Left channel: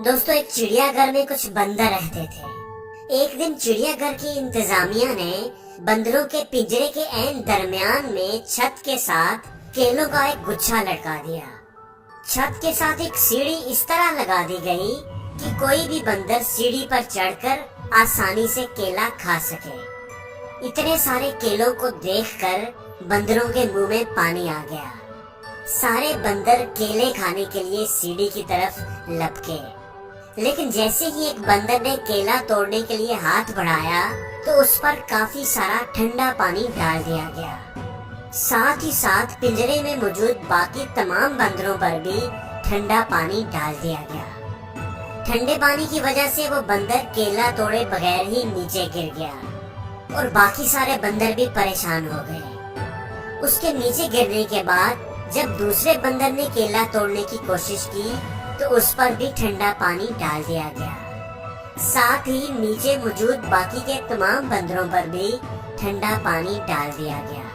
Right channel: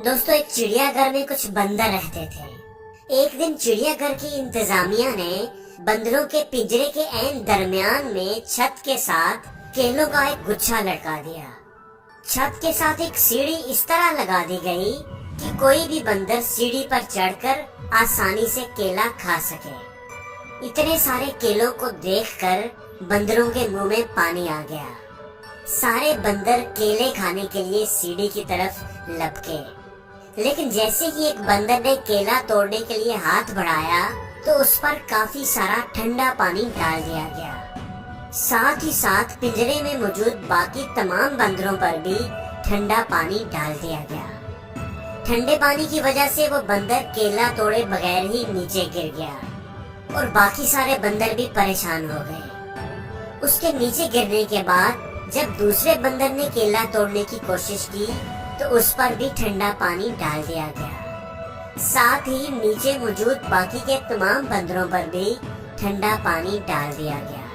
दोस्तों, एक चिड़िया घर में कुछ बंदर रहते थे। एक दिन चिड़िया घर की इंतजामिया ने बंदरों के पिंजरे के ऐन दरमियान में छत के साथ केलों का एक गुच्छा लटका दिया। छत के साथ एक सीढ़ी इस तरह लगा दी गई कि कोई भी बंदर सीढ़ी पर चढ़कर आसानी से केला खा सके। इतने सारे केलों को देखकर बंदरों के मुंह में पानी आ गया। सारे बंदर केले खाने के लिए सीढ़ी की तरफ लपके, लेकिन जैसे ही एक बंदर ने केला तोड़ने के लिए हाथ बढ़ाया तो उस पर काफी सारा ठंडा पानी डाल दिया गया। साथ ही साथ पिंजरे में मौजूद बाकी तमाम बंदरों पर भी ठंडा पानी डाल दिया गया। ठंडे पानी की वजह से वो बंदर केला तोड़े बगैर ही नीचे गिर गया और बाकी सारे बंदर भी परेशान हो गए। उसके नीचे गिरने के बाद जब दूसरे बंदर ने केला तोड़ने की कोशिश की तो उस पर भी ठंडा पानी डाल दिया गया। साथ ही नीचे मौजूद बाकी के तमाम बंदरों पर भी ठंडा पानी डाल दिया गया।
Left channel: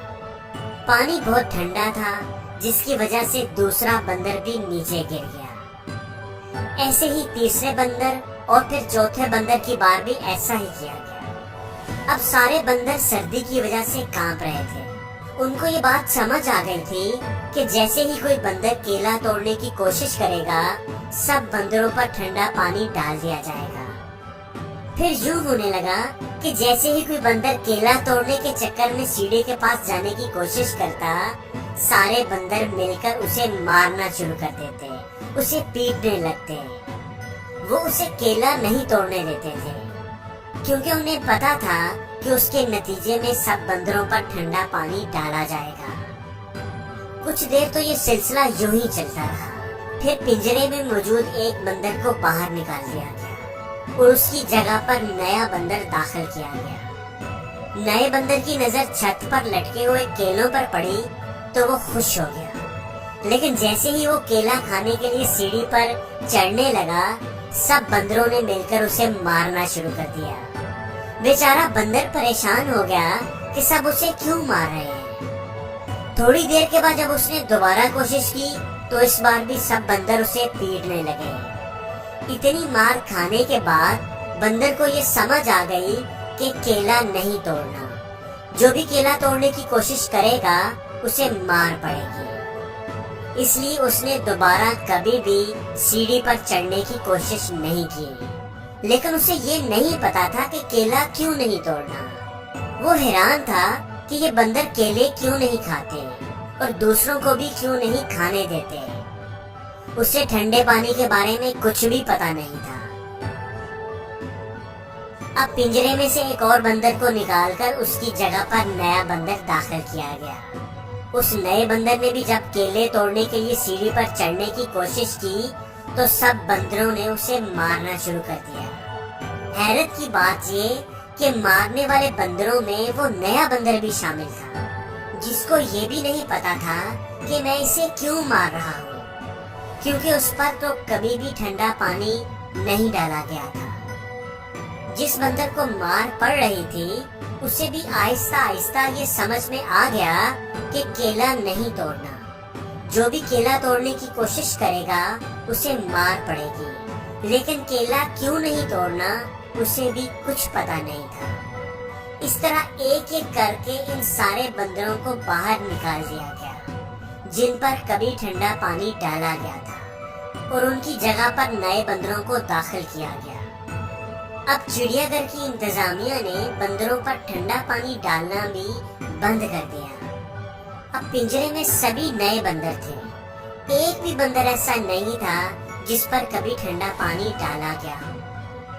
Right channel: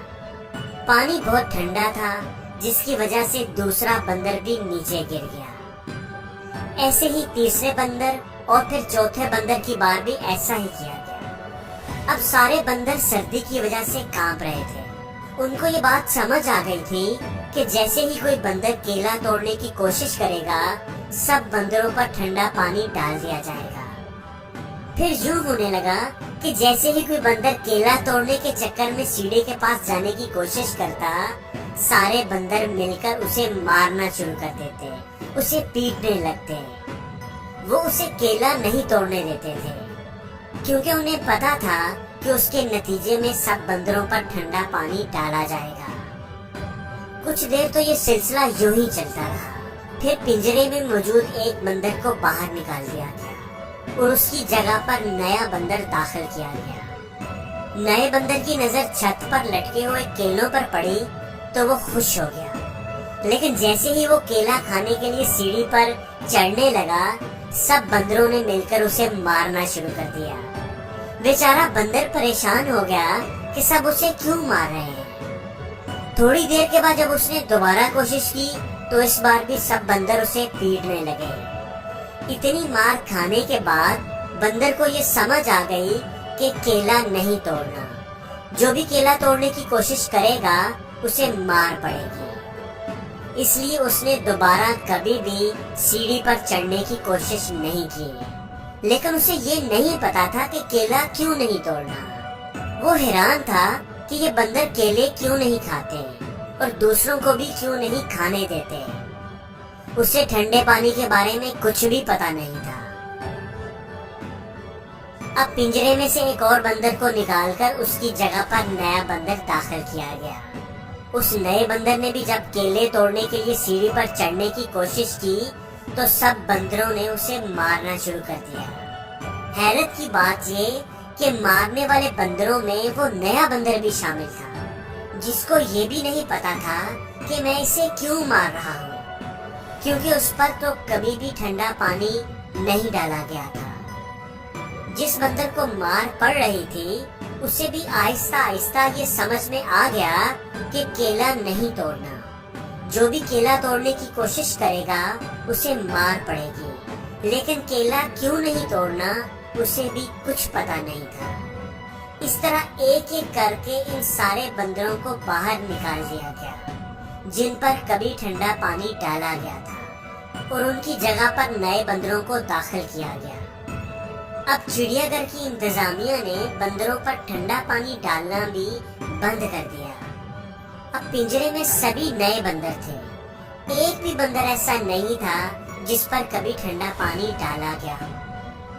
पानी बहुत ठंडा था, जिसकी वजह से दूसरा बंदर भी नीचे गिर गया। ऐसे ही तीसरे बंदर और फिर चौथे बंदर की बार भी ऐसा ही किया गया। अब सारे बंदर सर्दी की वजह से कांप रहे थे। उनको ये बात समझ आ गई थी कि जैसे ही कोई बंदर केला तोड़ने की कोशिश करेगा, सब बंदरों पर ठंडा पानी डाल दिया जाएगा। फिर यूं होने लगा कि जैसे ही कोई बंदर केला तोड़ने के चक्कर में सीढ़ी के पास जाने की कोशिश करता, सारे बंदर मिलकर उसे मारना शुरू कर देते, उसे पीटने लगते। वो उसे केला नहीं तोड़ने देते थे, क्योंकि उन्हें पता था कि उसके नतीजे में सब बंदरों पर ठंडा पानी डाला जाएगा। कुछ देर तो ये सिलसिला यूं ही चलता रहा। फिर पिंजरे में मौजूद एक बंदर को बाहर निकाल दिया गया और उसकी जगह पर नया बंदर दाखिल किया गया। नए बंदर की नजर छत पर लटके हुए केलों पर पड़ी तो वो खुश हो गया, लेकिन जैसे ही वो केला खाने के लिए सीढ़ी पर चढ़ने लगा, सब बंदरों ने मिलकर उसे मारना शुरू कर दिया। बेचारा बंदर परेशान हो गया कि सब उसे क्यों मार रहे हैं। थोड़ी देर के बाद जब उसने दोबारा कोशिश की तो इस बार भी सब बंदर उसे पीटने लगे। इतनी मार खाने के बाद बंदर को ये समझ आ गई कि केला नहीं तोड़ना। जो भी केला तोड़ने की कोशिश करेगा उसे मार पड़ेगी। इसलिए उसने दोबारा कभी भी सीढ़ी पर चढ़ने की कोशिश नहीं की। लेकिन उसे ये नहीं पता था कि केला क्यों नहीं तोड़ना। वो हैरान था कि ये बंदर केले क्यों नहीं खाते और दूसरों को भी क्यों नहीं खाने देते। उसे ठंडे पानी के बारे में कुछ भी पता नहीं था। अब पिंजरे में से एक और बंदर को निकालकर उसकी जगह पर नया बंदर दाखिल किया गया। उस नए बंदर ने भी जब केले तोड़ने के लिए सीढ़ी पर चढ़ने की कोशिश की तो सब बंदरों ने उसे मारना शुरू कर दिया। हैरत की बात ये कि मारने वाले बंदरों में वो नया बंदर भी शामिल था, जिसको ये भी नहीं पता था कि मैं इसे क्यों मार रहा हूँ, क्योंकि उस पर तो कभी भी ठंडा पानी नहीं डाला गया था। जिस बंदर को मार पड़ रही थी उसे भी आहिस्ता आहिस्ता ये समझ में आ गया कि केला नहीं तोड़ना। जो भी केला तोड़ने की कोशिश करेगा उसे मार पड़ेगी, लेकिन केला क्यों नहीं तोड़ना उसे भी कुछ पता नहीं था। इस तरह एक एक करके इन सारे बंदरों को बाहर निकाल दिया गया जिन पर कभी ठंडा पानी डाला गया था, और उनकी जगह पर नए बंदरों को दाखिल किया गया। अब चिड़ियाघर की इंतजामिया ने बंदरों पर ठंडा पानी डालना भी बंद कर दिया। अब पिंजरे में सभी नए बंदर थे। एक भी बंदर ऐसा नहीं था जिस पर कभी ठंडा पानी डाला गया हो,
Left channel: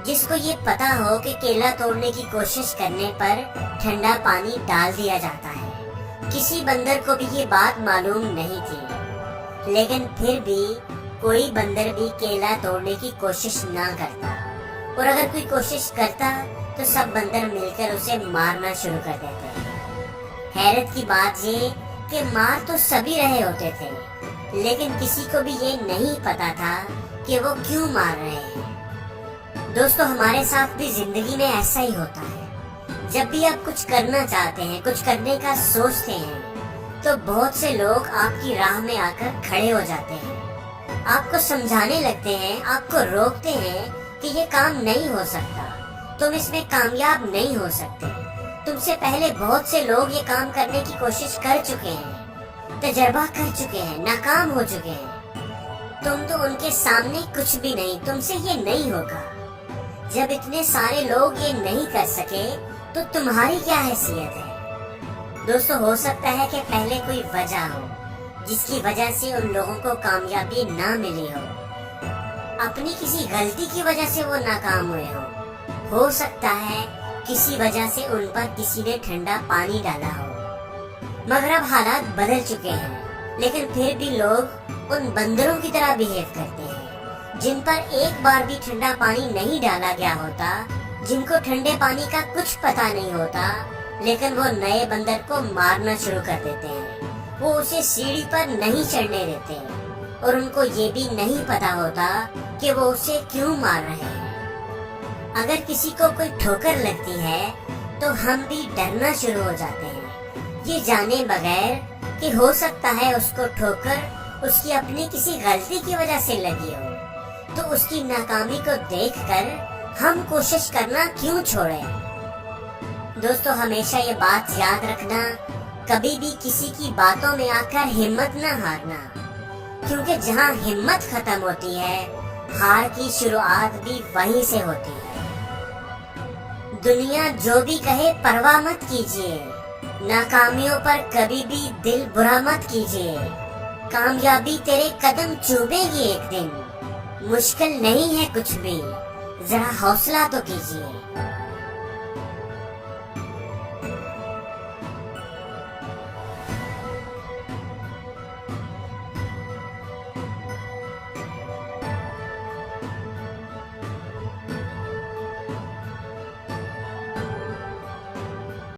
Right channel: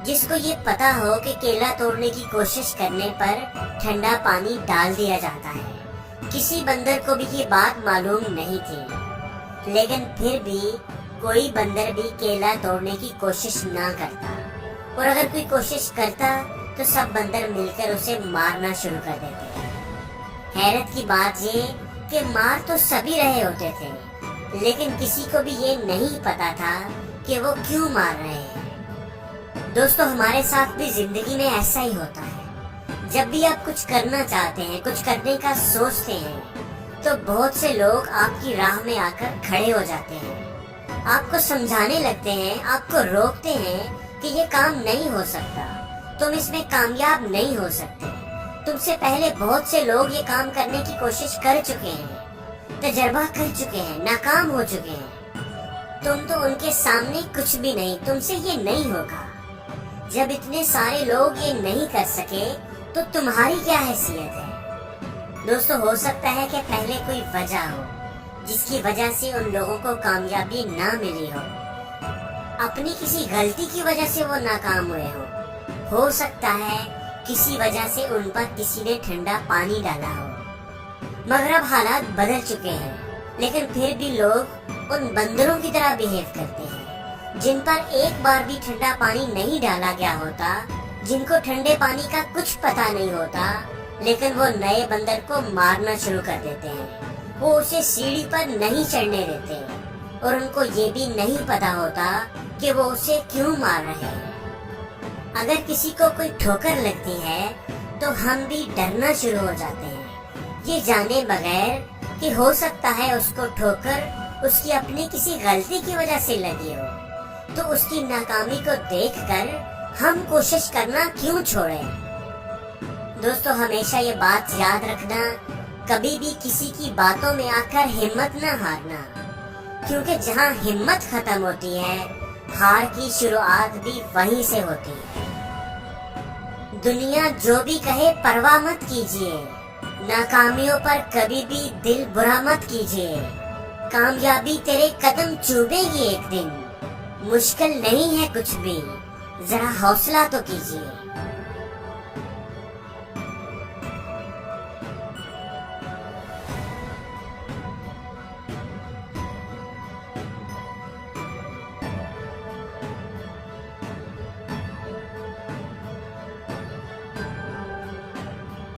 जिसको ये पता हो कि केला तोड़ने की कोशिश करने पर ठंडा पानी डाल दिया जाता है। किसी बंदर को भी ये बात मालूम नहीं थी, लेकिन फिर भी कोई बंदर भी केला तोड़ने की कोशिश ना करता, और अगर कोई कोशिश करता तो सब बंदर मिलकर उसे मारना शुरू कर देते। हैरत की बात ये कि मार तो सभी रहे होते थे, लेकिन किसी को भी ये नहीं पता था कि वो क्यों मार रहे हैं। दोस्तों, हमारे साथ भी जिंदगी में ऐसा ही होता है। जब भी आप कुछ करना चाहते हैं, कुछ करने का सोचते हैं, तो बहुत से लोग आपकी राह में आकर खड़े हो जाते हैं, آپ کو سمجھانے لگتے ہیں، آپ کو روکتے ہیں کہ یہ کام نہیں ہو سکتا، تم اس میں کامیاب نہیں ہو سکتے، تم سے پہلے بہت سے لوگ یہ کام کرنے کی کوشش کر چکے ہیں، تجربہ کر چکے ہیں، ناکام ہو چکے ہیں، تم تو ان کے سامنے کچھ بھی نہیں، تم سے یہ نہیں ہوگا۔ جب اتنے سارے لوگ یہ نہیں کر سکے تو تمہاری کیا حیثیت ہے؟ دوستو، ہو سکتا ہے کہ پہلے کوئی وجہ ہو جس کی وجہ سے ان لوگوں کو کامیابی نہ ملی ہو، اپنی کسی غلطی کی وجہ سے وہ ناکام ہوئے ہو سکتا ہے کسی وجہ سے ان پر کسی نے ٹھنڈا پانی ڈالا ہو، مگر اب حالات بدل چکے ہیں، لیکن پھر بھی لوگ ان بندروں کی طرح بیہیو کرتے ہیں جن پر ایک بار بھی ٹھنڈا پانی نہیں ڈالا گیا ہوتا، جن کو ٹھنڈے پانی کا کچھ پتہ نہیں ہوتا، لیکن وہ نئے بندر کو مارنا شروع کر دیتے ہیں، وہ اسے سیڑھی پر نہیں چڑھنے دیتے، اور ان کو یہ بھی نہیں پتا ہوتا کہ وہ اسے کیوں مار رہے ہیں۔ اگر کسی کو کوئی ٹھوکر لگتی ہے تو ہم بھی ڈرنا شروع ہو جاتے ہیں، یہ جانے بغیر کہ ہو سکتا ہے اس کو ٹھوکر اس کی اپنی کسی غلطی کی وجہ سے لگی ہو، تو اس کی ناکامی کو دیکھ کر ہم کوشش کرنا کیوں چھوڑیں؟ دوستو، ہمیشہ یہ بات یاد رکھنا، کبھی بھی کسی کی باتوں میں آ کر ہمت نہ ہارنا، کیونکہ جہاں ہمت ختم ہوتی ہے، ہار کی شروعات بھی وہیں سے ہوتی ہے۔ دنیا جو بھی کہے پرواہ مت کیجیے، ناکامیوں پر کبھی بھی دل برا مت کیجیے، کامیابی تیرے قدم چومے گی ایک دن، مشکل نہیں ہے کچھ بھی، ذرا حوصلہ تو کیجیے۔